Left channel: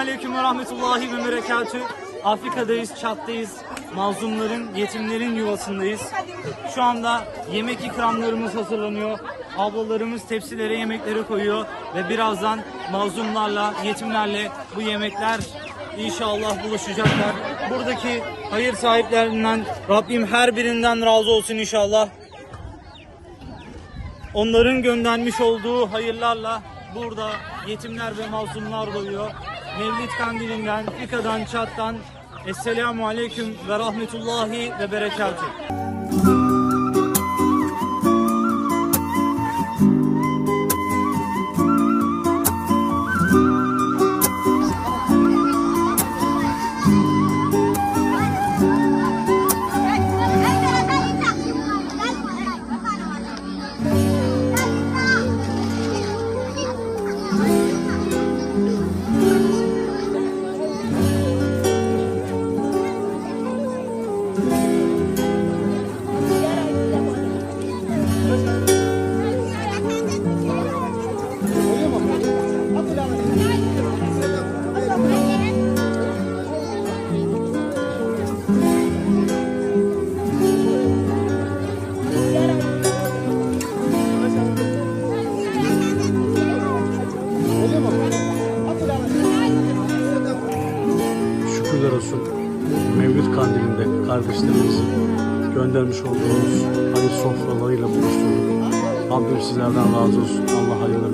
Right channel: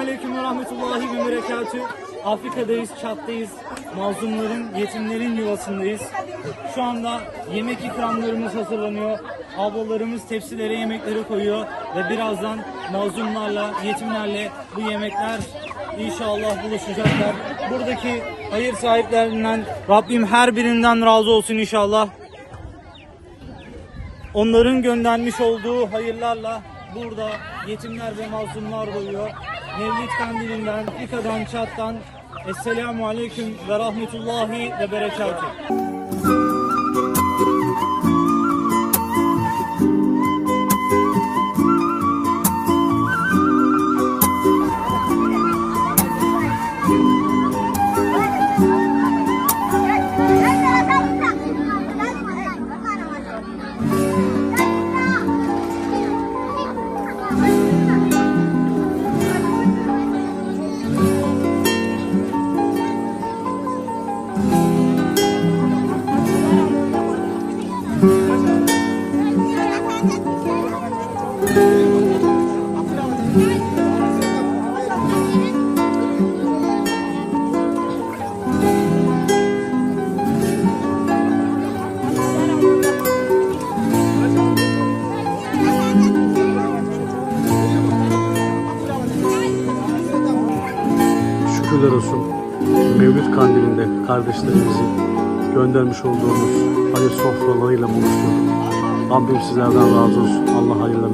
Aleyküm ve Rahmetullahi ve Berekatü. Afrika'dayız, Çat'tayız. Mazlumların, yetimlerin yuvasındayız. Şu anda yemek ikramlarımız hazırlanıyor. Ablalarımız tepsilere yemekleri koyuyor. Ve birazdan mazlumlarla, yetimlerle bu yemekler inşallah buluşacaklar. Buradaki hayır sahiplerinden Rabbim her birinden razı olsun inşallah. Onların göndermiş olduğu hayırlarla burada yetimler ve mazlumlar doyuyor. Mevlid kandilinden, Afrika'dan, Çat'tan Esselamu Aleyküm ve Rahmetullahi ve Berekatuhu. Şükürler olsun. Mevlüt kandilinde kardeşlerimizi göndermiş olduğumuz hayır sofralarıyla buluşturduk. Rabbim sizlerden razı olsun. Allah hayırlı